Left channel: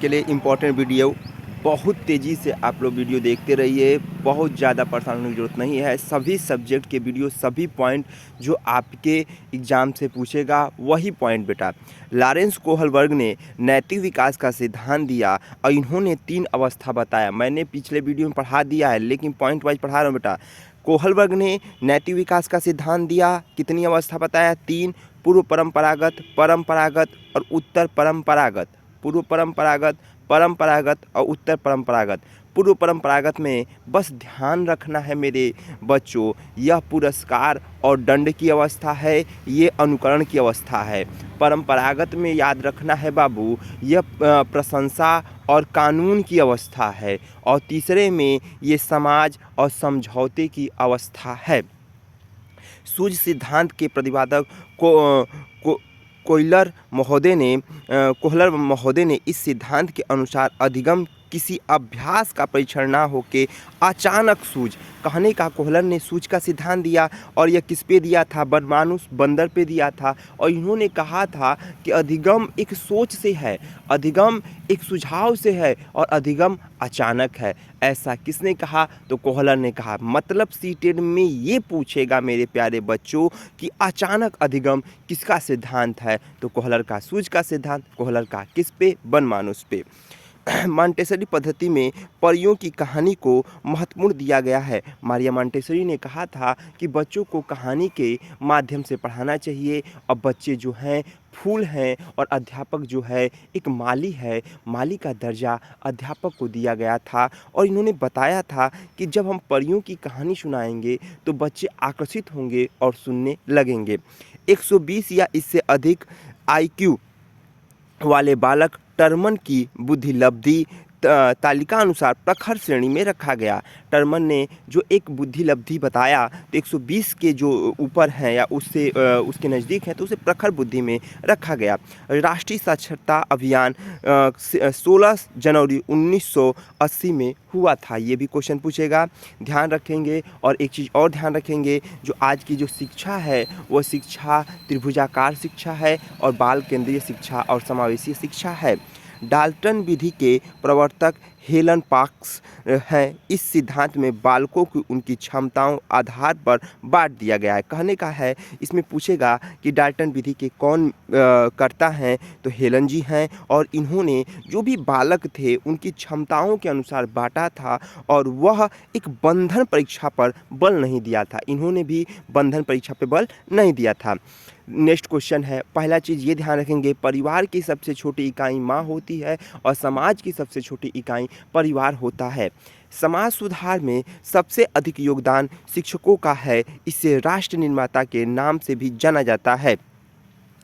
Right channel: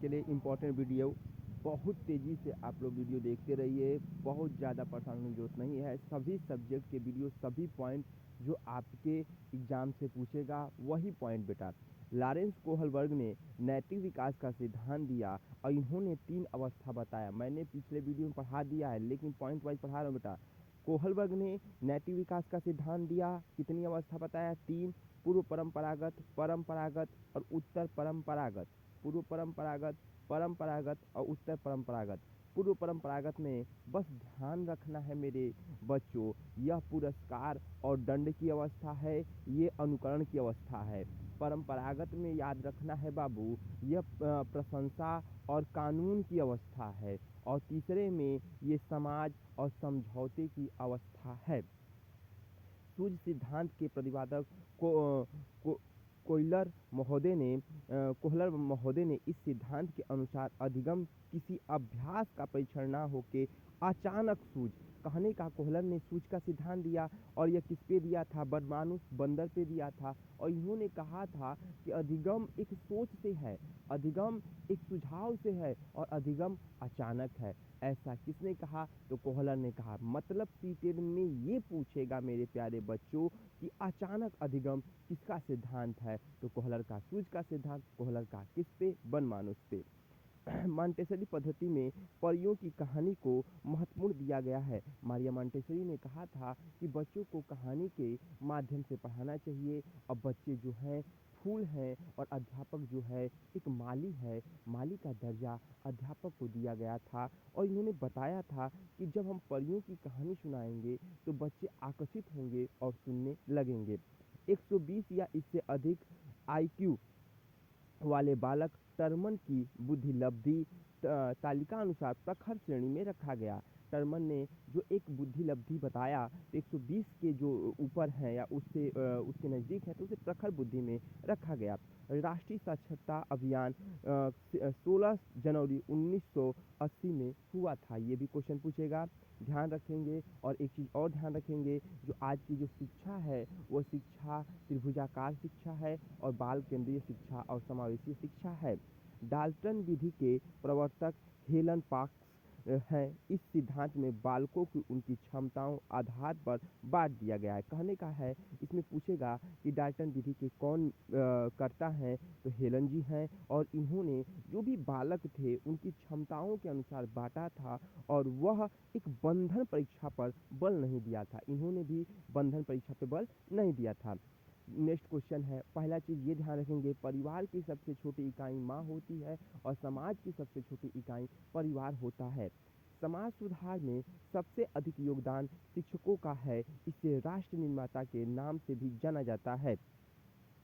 के लिए important video. बहुत तेज़ी से आप लोग वीडियो देखते रहिए, बहुत ज़्यादा परेशान होने की ज़रूरत नहीं है। सभी सब्जेक्ट के वीडियो, सभी पॉइंट जो आपके एग्ज़ाम से पूछेगा वही पॉइंट बेटा। लॉरेंस कोहलबर्ग ने नैतिक विकास का सिद्धांत दिया और इन्होंने 3 अवस्था बताया। मैंने पिछले वीडियो में पढ़ा दिया है लेकिन पॉइंट वाइज़ पढ़ा रहा हूँ बेटा। कोहलबर्ग ने नैतिक विकास का सिद्धांत दिया, कितनी अवस्था बताया? 3। पूर्व परंपरागत, परंपरागत और उत्तर परंपरागत। पूर्व परंपरागत, परंपरागत और उत्तर परंपरागत। पूर्व परंपरागत में बस ध्यान रखना है मेरे बच्चों, यह पुरस्कार और दंड की अवस्था है, ये अनुकरण की अवस्था है। परंपरागत में याद रखना है बाबू, यह प्रशंसा और कानून की अवस्था है। और तीसरे में ये समाज और समझौते की अवस्था है। सूझ सिद्धांत के प्रतिपादक को कोहलर महोदय ने इस सिद्धांत के अनुसार अधिगम किसी अभ्यास का परीक्षण ना होके अचानक सूझ, कहने का कोहलर ने सूझ का सिद्धांत दिया और यह किस पे दिया था? बनमानुस बंदर पे दिया था। और इन्होंने कहा था कि अधिगम एक सोच से है, अधिगम एक सुझाव से है और अधिगम अचानक है। ऐसा किसने कहा? तो कोहलर ने कहा। मतलब सीटेट में ये पूछेगा मेरे प्यारे बच्चों कि अचानक अधिगम किसका सिद्धांत है? तो कोहलर का सूझ का सिद्धांत। कोहलर का किस पे? बनमानुस पे। मॉन्टेसरी पद्धति में परियों की कहानी को महत्वपूर्ण दिया गया है। मारिया मॉन्टेसरी ने कहा था कि बच्चों को कहानी के माध्यम से पढ़ाना चाहिए। और बच्चे जो हैं फूल हैं और अध्यापक जो है एक माली है, माली का दर्जा अध्यापक को दिया गया था। और इन्होंने बताया था कि जब हम परियों की कहानी सुनाएंगे तो बच्चे आकर्षित होंगे और सुनने लगेंगे। 120 या इससे अधिक आईक्यू वाले बालक टर्मन की बुद्धिलब्धि तालिका अनुसार प्रखर श्रेणी में रखा गया। टर्मन ने जो एक बुद्धिलब्धि बताया तो 120 के जो ऊपर हैं या उससे उसके नज़दीक हैं तो उसे प्रखर बुद्धि में रखा गया। राष्ट्रीय साक्षरता अभियान 16 जनवरी 1980 में हुआ था। ये भी क्वेश्चन पूछेगा, ध्यान रखेंगे। और एक चीज़ और ध्यान रखेंगे, जो आज की जो शिक्षा है वह शिक्षा त्रिभुजाकार शिक्षा है और बाल केंद्रीय शिक्षा और समावेशी शिक्षा है। डाल्टन विधि के प्रवर्तक हेलन पार्क्स हैं। इस सिद्धांत में बालकों की उनकी क्षमताओं आधार पर बांट दिया गया है। कहने का है, इसमें पूछेगा कि डाल्टन विधि के कौन करता हैं? तो हेलन जी हैं। और इन्होंने जो भी बालक थे उनकी क्षमताओं के अनुसार बांटा था और वह एक बंधन परीक्षा पर बल नहीं दिया था। इन्होंने भी बंधन परीक्षा पर बल नहीं दिया था। नेक्स्ट क्वेश्चन है, पहला चीज़ ये ध्यान रखेंगे, परिवार की सबसे छोटी इकाई माँ होती है और समाज की सबसे छोटी इकाई परिवार होता है। समाज सुधार में सबसे अधिक योगदान शिक्षकों का है। इसे राष्ट्र निर्माता के नाम से भी जाना जाता है।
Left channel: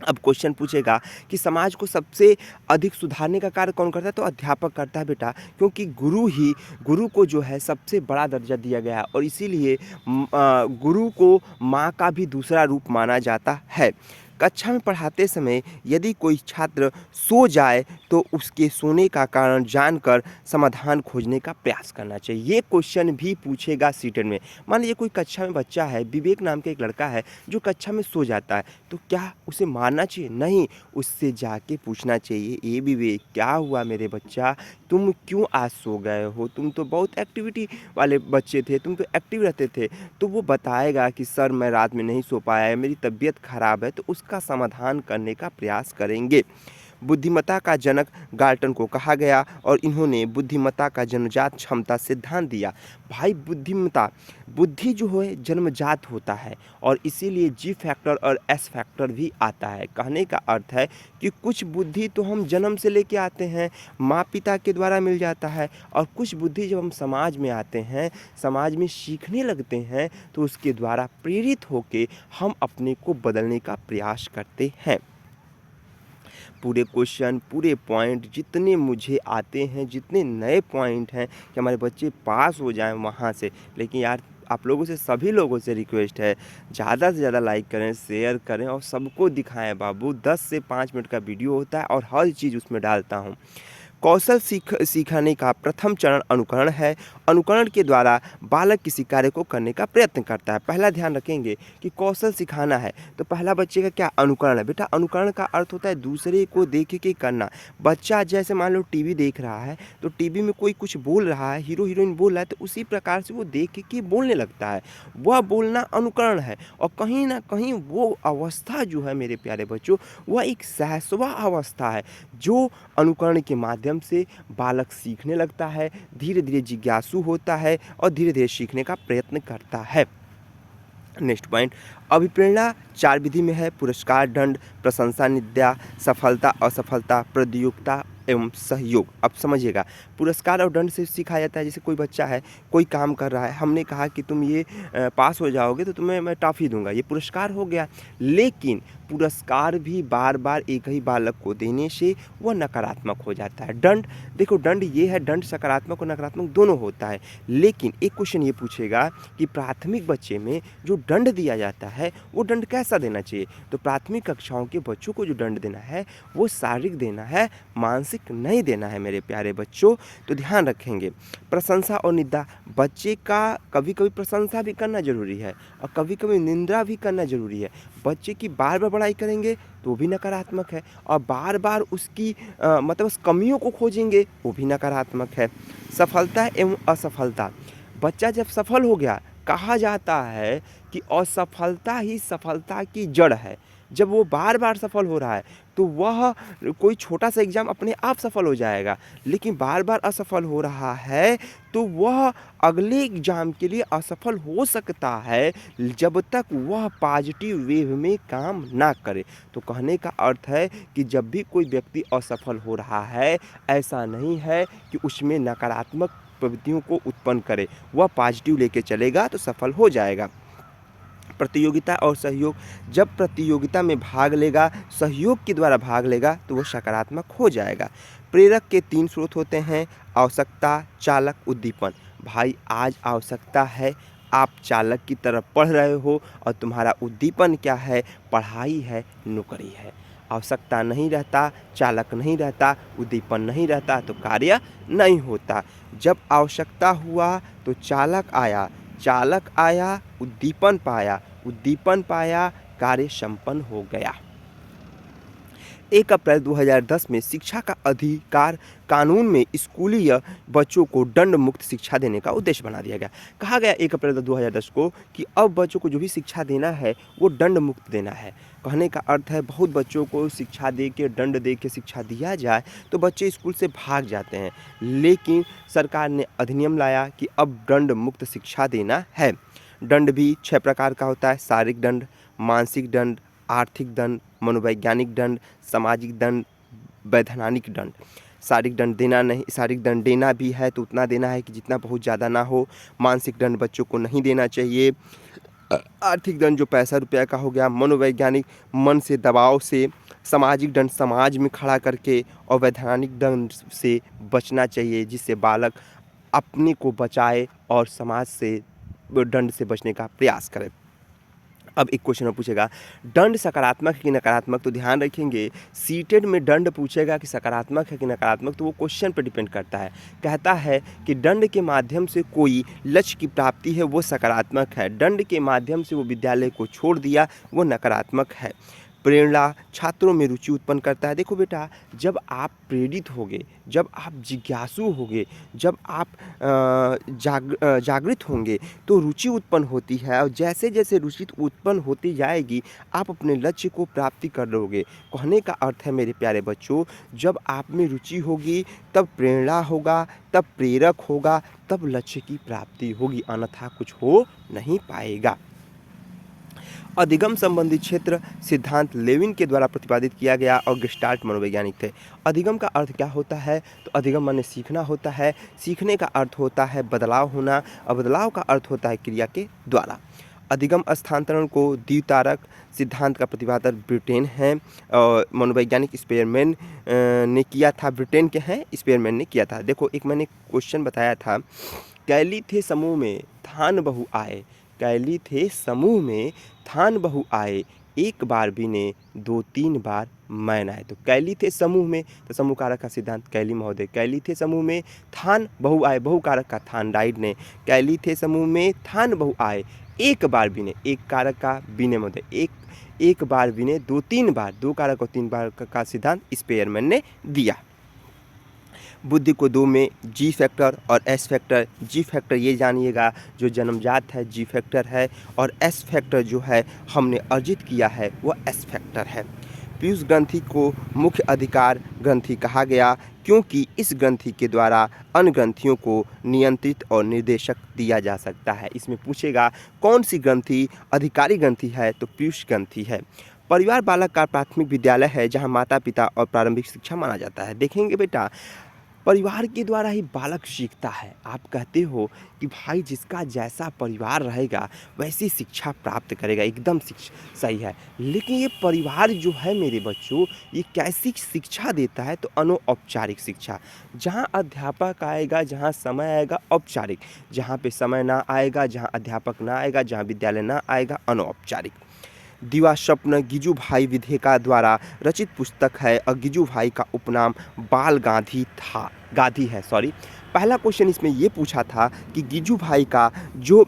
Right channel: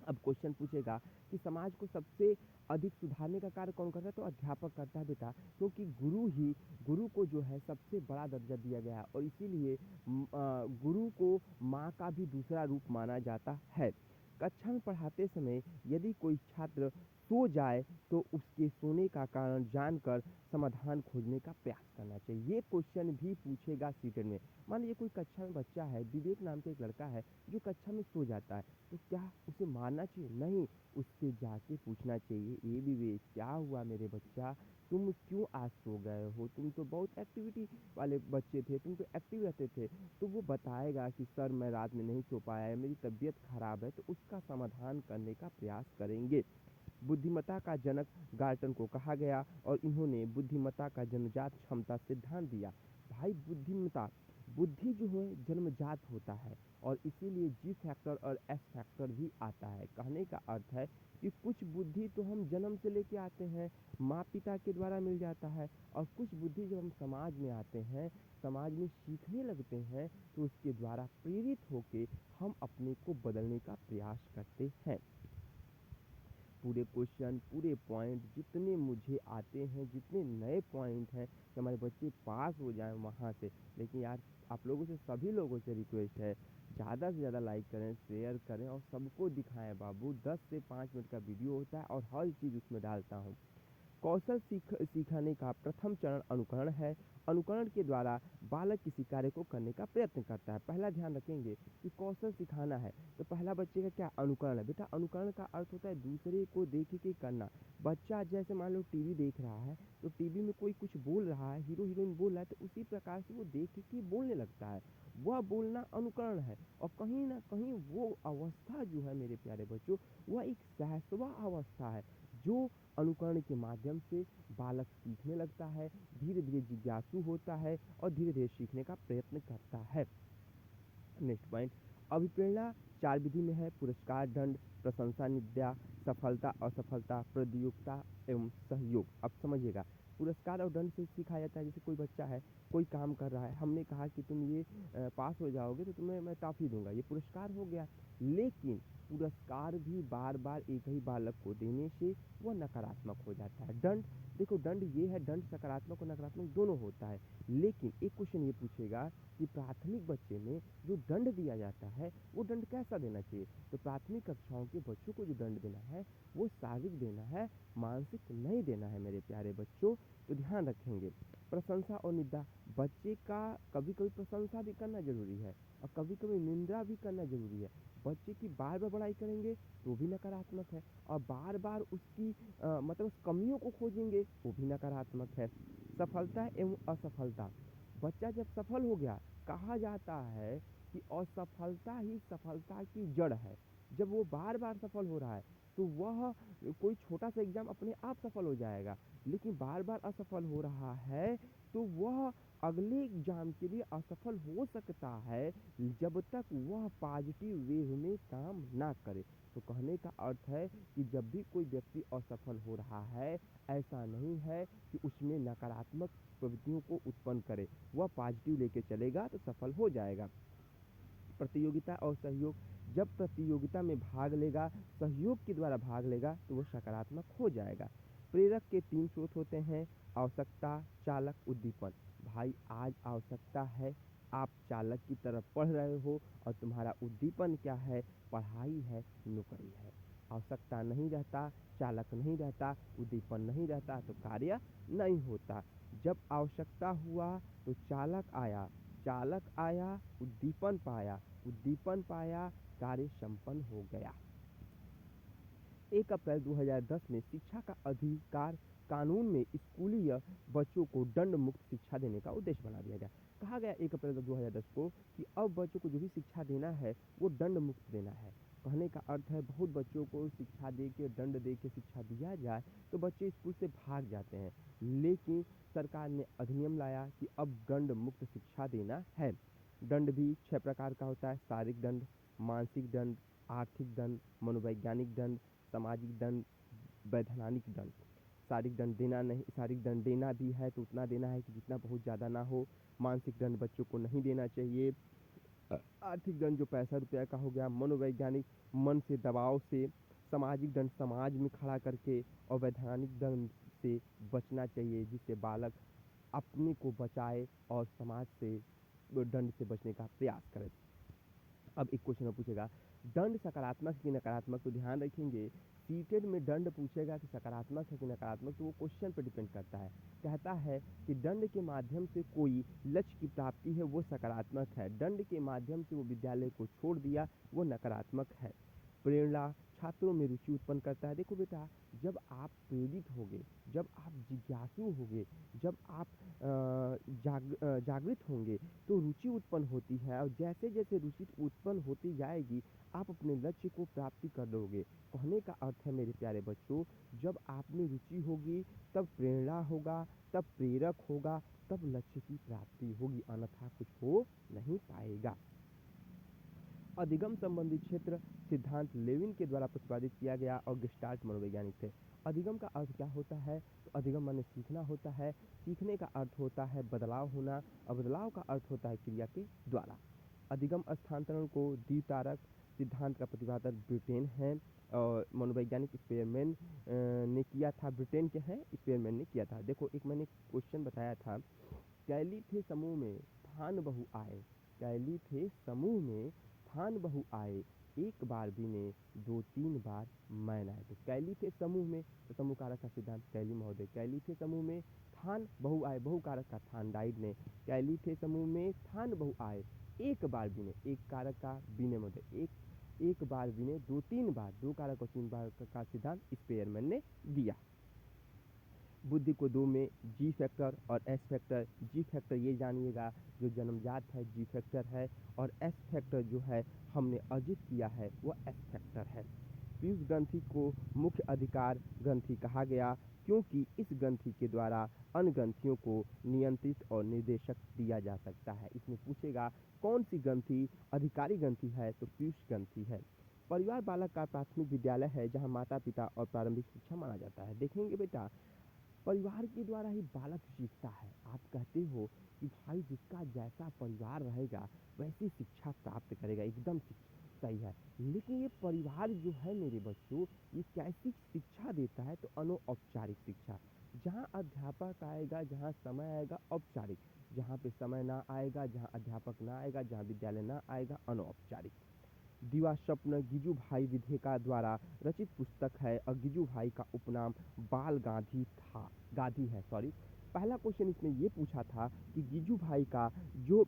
अब क्वेश्चन पूछेगा कि समाज को सबसे अधिक सुधारने का कार्य कौन करता है? तो अध्यापक करता है बेटा, क्योंकि गुरु को जो है सबसे बड़ा दर्जा दिया गया है और इसीलिए गुरु को माँ का भी दूसरा रूप माना जाता है। कक्षा में पढ़ाते समय यदि कोई छात्र सो जाए तो उसके सोने का कारण जानकर समाधान खोजने का प्रयास करना चाहिए। ये क्वेश्चन भी पूछेगा सीटेट में। मान लीजिए कोई कक्षा में बच्चा है, विवेक नाम का एक लड़का है जो कक्षा में सो जाता है, तो क्या उसे मारना चाहिए? नहीं, उससे जाके पूछना चाहिए, ए विवेक क्या हुआ मेरे बच्चा, तुम क्यों आज सो गए हो? तुम तो बहुत एक्टिविटी वाले बच्चे थे, तुम तो एक्टिव रहते थे। तो वो बताएगा कि सर मैं रात में नहीं सो पाया है, मेरी तबीयत खराब है। तो उसका समाधान करने का प्रयास करेंगे। बुद्धिमत्ता का जनक गाल्टन को कहा गया और इन्होंने बुद्धिमत्ता का जन्मजात क्षमता सिद्धांत दिया। भाई बुद्धिमत्ता, बुद्धि जो है जन्मजात होता है और इसीलिए जी फैक्टर और एस फैक्टर भी आता है। कहने का अर्थ है कि कुछ बुद्धि तो हम जन्म से लेके आते हैं, माँ पिता के द्वारा मिल जाता है, और कुछ बुद्धि जब हम समाज में आते हैं, समाज में सीखने लगते हैं, तो उसके द्वारा प्रेरित होके हम अपने को बदलने का प्रयास करते हैं। पूरे क्वेश्चन, पूरे पॉइंट जितने मुझे आते हैं, जितने नए पॉइंट हैं कि हमारे बच्चे पास हो जाएं वहाँ से। लेकिन यार आप लोगों से, सभी लोगों से रिक्वेस्ट है, ज़्यादा से ज़्यादा लाइक करें, शेयर करें और सबको दिखाएं बाबू। 10 से 5 मिनट का वीडियो होता है और हर चीज़ उसमें डालता हूँ। कौशल सीखने का प्रथम चरण अनुकरण है। अनुकरण के द्वारा बालक किसी कार्य को करने का प्रयत्न करता है। पहला ध्यान रखेंगे कि कौशल सिखाना है तो पहला बच्चे का क्या अनुकरण है। बेटा अनुकरण का अर्थ होता है दूसरे को देख के करना। बच्चा जैसे मान लो टीवी देख रहा है तो टीवी में कोई कुछ बोल रहा है, हीरो हीरोइन बोल रहा है, तो उसी प्रकार से वो देख के बोलने लगता है। वह बोलना अनुकरण है। और कहीं ना कहीं वो अवस्था जो है मेरे प्यारे बच्चों, वह एक सहसवा अवस्था है जो अनुकरण के माध्यम से बालक सीखने लगता है, धीरे धीरे जिज्ञासु होता है और धीरे धीरे सीखने का प्रयत्न करता है। नेक्स्ट पॉइंट, अभिप्रेरणा 4 विधि में है। पुरस्कार, दंड, प्रशंसा, निंदा, सफलता, असफलता, प्रतियोगिता एवं सहयोग। अब समझिएगा, पुरस्कार और दंड से सिखाया जाता है। जैसे कोई बच्चा है, कोई काम कर रहा है, हमने कहा कि तुम ये पास हो जाओगे तो तुम्हें मैं टॉफ़ी दूंगा, ये पुरस्कार हो गया। लेकिन पुरस्कार भी बार बार एक ही बालक को देने से वह नकारात्मक हो जाता है। दंड, देखो दंड ये है, दंड सकारात्मक और नकारात्मक दोनों होता है। लेकिन एक क्वेश्चन ये पूछेगा कि प्राथमिक बच्चे में जो दंड दिया जाता है वो दंड कैसा देना चाहिए। तो प्राथमिक कक्षाओं के बच्चों को जो दंड देना है वो शारीरिक देना है, मानसिक नहीं देना है मेरे प्यारे बच्चों। तो ध्यान रखेंगे। प्रशंसा और निंदा, बच्चे का कभी कभी प्रशंसा भी करना जरूरी है और कभी कभी निंदा भी करना जरूरी है। बच्चे की बार बार बड़ाई करेंगे तो भी नकारात्मक है, और बार बार उसकी मतलब उस कमियों को खोजेंगे वो भी नकारात्मक है। सफलता एवं असफलता, बच्चा जब सफल हो गया, कहा जाता है कि असफलता ही सफलता की जड़ है। जब वो बार बार सफल हो रहा है तो वह कोई छोटा सा एग्ज़ाम अपने आप सफल हो जाएगा, लेकिन बार बार असफल हो रहा है तो वह अगले एग्ज़ाम के लिए असफल हो सकता है जब तक वह पॉजिटिव वे में काम ना करे। तो कहने का अर्थ है कि जब भी कोई व्यक्ति असफल हो रहा है, ऐसा नहीं है कि उसमें नकारात्मक प्रवृत्तियों को उत्पन्न करे, वह पॉजिटिव लेके चलेगा तो सफल हो जाएगा। प्रतियोगिता और सहयोग, जब प्रतियोगिता में भाग लेगा, सहयोग के द्वारा भाग लेगा तो वो सकारात्मक हो जाएगा। प्रेरक के 3 स्रोत होते हैं, आवश्यकता, चालक, उद्दीपन। भाई आज आवश्यकता है, आप चालक की तरफ पढ़ रहे हो और तुम्हारा उद्दीपन क्या है, पढ़ाई है, नौकरी है। आवश्यकता नहीं रहता, चालक नहीं रहता, उद्दीपन नहीं रहता तो कार्य नहीं होता। जब आवश्यकता हुआ तो चालक आया, चालक आया, उद्दीपन पाया, कार्य संपन्न हो गया। 1 अप्रैल 2010 में शिक्षा का अधिकार कानून में स्कूलीय बच्चों को दंड मुक्त शिक्षा देने का उद्देश्य बना दिया गया। कहा गया 1 अप्रैल 2010 को कि अब बच्चों को जो भी शिक्षा देना है वो दंड मुक्त देना है। कहने का अर्थ है बहुत बच्चों को शिक्षा दे के, दंड दे के शिक्षा दिया जाए तो बच्चे स्कूल से भाग जाते हैं। लेकिन सरकार ने अधिनियम लाया कि अब दंड मुक्त शिक्षा देना है। दंड भी 6 प्रकार का होता है, शारीरिक दंड, मानसिक दंड, आर्थिक दंड, मनोवैज्ञानिक दंड, सामाजिक दंड, वैधानिक दंड। शारीरिक दंड देना भी है तो उतना देना है कि जितना बहुत ज़्यादा ना हो। मानसिक दंड बच्चों को नहीं देना चाहिए। आर्थिक दंड जो पैसा रुपया का हो गया। मनोवैज्ञानिक, मन से, दबाव से। सामाजिक दंड समाज में खड़ा करके। और वैधानिक दंड से बचना चाहिए जिससे बालक अपने को बचाए और समाज से दंड से बचने का प्रयास करे। अब एक क्वेश्चन में पूछेगा दंड सकारात्मक है कि नकारात्मक। तो ध्यान रखेंगे, सीटेड में दंड पूछेगा कि सकारात्मक है कि नकारात्मक, तो वो क्वेश्चन पर डिपेंड करता है। कहता है कि दंड के माध्यम से कोई लक्ष्य की प्राप्ति है वो सकारात्मक है, दंड के माध्यम से वो विद्यालय को छोड़ दिया वो नकारात्मक है। प्रेरणा छात्रों में रुचि उत्पन्न करता है। देखो बेटा, जब आप प्रेरित होगे, जब आप जिज्ञासु होगे, जब आप जागृत होंगे तो रुचि उत्पन्न होती है, और जैसे जैसे रुचि उत्पन्न होती जाएगी आप अपने लक्ष्य को प्राप्ति कर लोगे। कहने का अर्थ है मेरे प्यारे बच्चों, जब आप में रुचि होगी तब प्रेरणा होगा, तब प्रेरक होगा, तब लक्ष्य की प्राप्ति होगी, अन्यथा कुछ हो नहीं पाएगा। अधिगम संबंधी क्षेत्र सिद्धांत लेविन के द्वारा प्रतिपादित किया गया और गेस्टाल्ट मनोवैज्ञानिक थे। अधिगम का अर्थ क्या होता है, तो अधिगम माने सीखना होता है, सीखने का अर्थ होता है बदलाव होना, और बदलाव का अर्थ होता है क्रिया के द्वारा। अधिगम स्थानांतरण को द्वितारक सिद्धांत का प्रतिपादक ब्रिटेन है और मनोवैज्ञानिक स्पेयरमैन ने किया था। ब्रिटेन के हैं, स्पेयरमैन ने किया था। देखो एक मैंने क्वेश्चन बताया था, कैली थे समूह में थान बहु आए, कैली थे समूह में थान बहु आए, एक बार बिने दो तीन बार मैं आए। तो कैली थे समूह में, तो समूह कारक का सिद्धांत कैली महोदय। कैली थे समूह में थान बहु आए, बहु कारक का थान डाइड ने। कैली थे समूह में थान बहु आए, एक बार बिने, एक कारक का बिने महोदय, एक बार बिने दो तीन बार, दो कारक और तीन बार का सिद्धांत स्पेयरमैन ने दिया। बुद्धि को दो में जी फैक्टर और एस फैक्टर। जी फैक्टर ये जानिएगा जो जन्मजात है जी फैक्टर है, और एस फैक्टर जो है हमने अर्जित किया है वह एस फैक्टर है। पीयूष ग्रंथि को मुख्य अधिकार ग्रंथि कहा गया क्योंकि इस ग्रंथि के द्वारा अन्य ग्रंथियों को नियंत्रित और निर्देशक दिया जा सकता है। इसमें पूछेगा कौन सी ग्रंथि अधिकारी ग्रंथि है, तो पीयूष ग्रंथि है। परिवार बालक का प्राथमिक विद्यालय है जहाँ माता पिता और प्रारंभिक शिक्षा माना जाता है। देखेंगे बेटा, परिवार के द्वारा ही बालक सीखता है। आप कहते हो कि भाई जिसका जैसा परिवार रहेगा वैसी शिक्षा प्राप्त करेगा, एकदम सही है। लेकिन ये परिवार जो है मेरे बच्चों, ये कैसी शिक्षा देता है, तो अनौपचारिक शिक्षा। जहाँ अध्यापक आएगा, जहाँ समय आएगा औपचारिक, जहाँ पे समय ना आएगा, जहाँ अध्यापक ना आएगा, जहाँ विद्यालय ना आएगा अनौपचारिक। दिवास्वप्न गिजुभाई विधेका द्वारा रचित पुस्तक है और गिजुभाई का उपनाम बाल गांधी था, गांधी है सॉरी। पहला क्वेश्चन इसमें ये पूछा था कि गिजुभाई का जो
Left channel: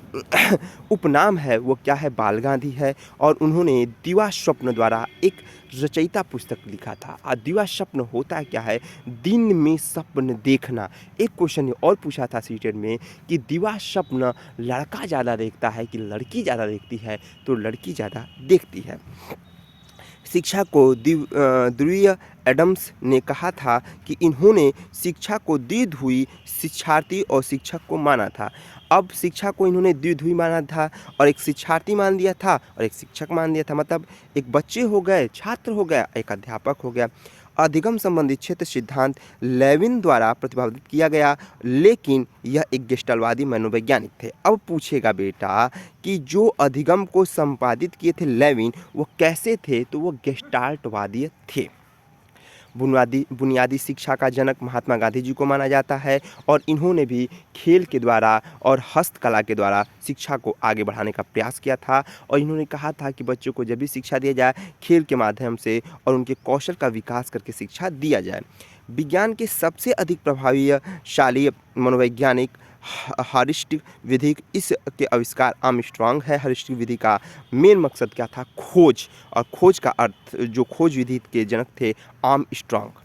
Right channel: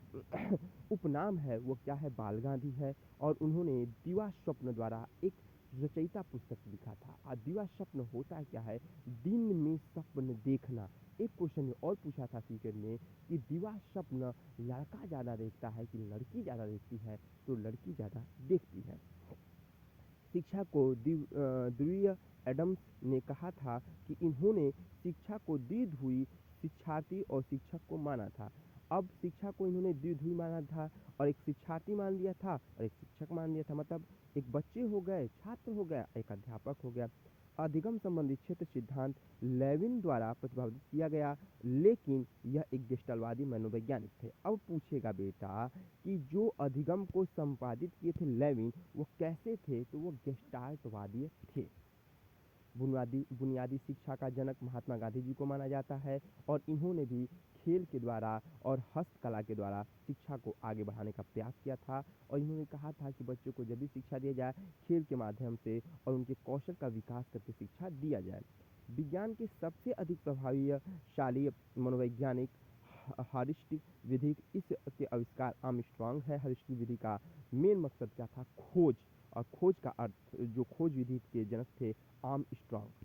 उपनाम है वो क्या है, बाल गांधी है, और उन्होंने दिवास्वप्न द्वारा एक रचयिता पुस्तक लिखा था। और दिवास्वप्न होता क्या है, दिन में स्वप्न देखना। एक क्वेश्चन और पूछा था सीटेट में कि दिवास्वप्न लड़का ज़्यादा देखता है कि लड़की ज़्यादा देखती है, तो लड़की ज़्यादा देखती है। शिक्षा को ध्रुवीय एडम्स ने कहा था कि इन्होंने शिक्षा को द्विध्रुवी शिक्षार्थी और शिक्षक को माना था। अब शिक्षा को इन्होंने द्विध्रुवी माना था और एक शिक्षार्थी मान दिया था और एक शिक्षक मान दिया था। मतलब एक बच्चे हो गए, छात्र हो गया, एक अध्यापक हो गया। अधिगम संबंधी क्षेत्र सिद्धांत लेविन द्वारा प्रतिपादित किया गया, लेकिन यह एक गेस्टाल्टवादी मनोवैज्ञानिक थे। अब पूछेगा बेटा कि जो अधिगम को संपादित किए थे लेविन, वो कैसे थे, तो वो गेस्टाल्टवादी थे। बुनियादी शिक्षा का जनक महात्मा गांधी जी को माना जाता है और इन्होंने भी खेल के द्वारा और हस्तकला के द्वारा शिक्षा को आगे बढ़ाने का प्रयास किया था। और इन्होंने कहा था कि बच्चों को जब भी शिक्षा दिया जाए खेल के माध्यम से और उनके कौशल का विकास करके शिक्षा दिया जाए। विज्ञान के सबसे अधिक प्रभावशाली मनोवैज्ञानिक हर्स्ट विधि, इसके आविष्कार आर्मस्ट्रांग है। हर्स्ट विधि का मेन मकसद क्या था, खोज, और खोज का अर्थ जो खोज विधि के जनक थे आर्मस्ट्रांग।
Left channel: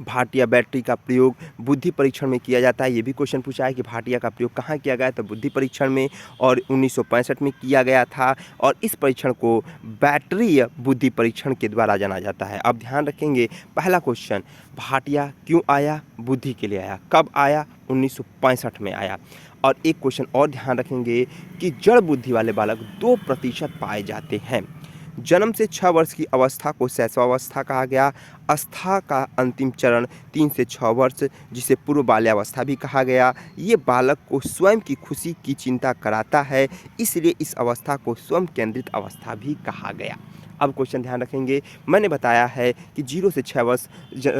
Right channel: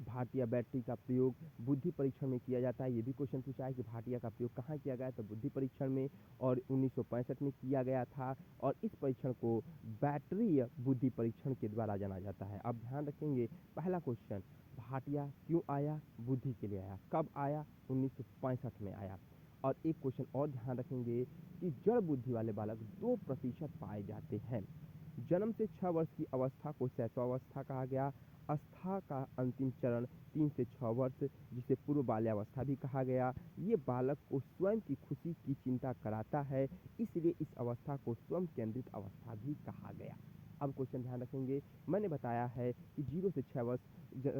भाटिया बैटरी का प्रयोग बुद्धि परीक्षण में किया जाता है। ये भी क्वेश्चन पूछा है कि भाटिया का प्रयोग कहाँ किया गया, तो बुद्धि परीक्षण में, और 1965 में किया गया था। और इस परीक्षण को बैटरी बुद्धि परीक्षण के द्वारा जाना जाता है। अब ध्यान रखेंगे, पहला क्वेश्चन, भाटिया क्यों आया, बुद्धि के लिए आया। कब आया, 1965 में आया। और एक क्वेश्चन और ध्यान रखेंगे कि जड़ बुद्धि वाले बालक 2% पाए जाते हैं। जन्म से 6 वर्ष की अवस्था को शैशवावस्था कहा गया। अवस्था का अंतिम चरण 3 से 6 वर्ष, जिसे पूर्व बाल्यावस्था भी कहा गया। ये बालक को स्वयं की खुशी की चिंता कराता है, इसलिए इस अवस्था को स्वयं केंद्रित अवस्था भी कहा गया। अब क्वेश्चन ध्यान रखेंगे, मैंने बताया है कि 0 से 6 वर्ष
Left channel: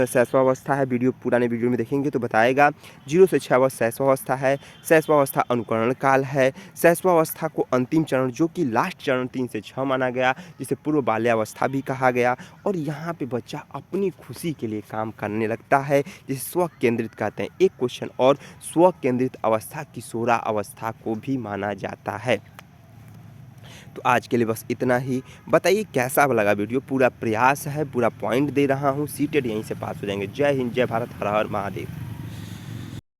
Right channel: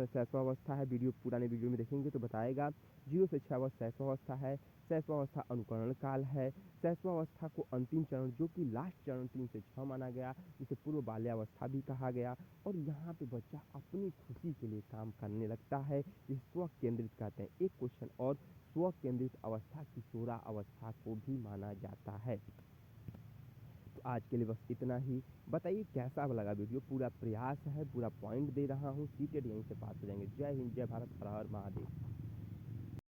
शैशवावस्था है। पुराने वीडियो में देखेंगे तो बताएगा 0 से 6 वर्ष शैशवावस्था है। शैशवावस्था अनुकरण काल है। शैशवावस्था को अंतिम चरण जो कि लास्ट चरण 3 से 6 माना गया, जिसे पूर्व बाल्यावस्था भी कहा गया। और यहाँ पे बच्चा अपनी खुशी के लिए काम करने लगता है, जिसे स्व केंद्रित कहते हैं। एक क्वेश्चन और, स्व केंद्रित अवस्था किशोरावस्था को भी माना जाता है। तो आज के लिए बस इतना ही। बताइए कैसा लगा वीडियो, पूरा प्रयास है, पूरा पॉइंट दे रहा हूँ, सीटेट यहीं से पास हो जाएंगे। जय हिंद, जय भारत, हर हर महादेव।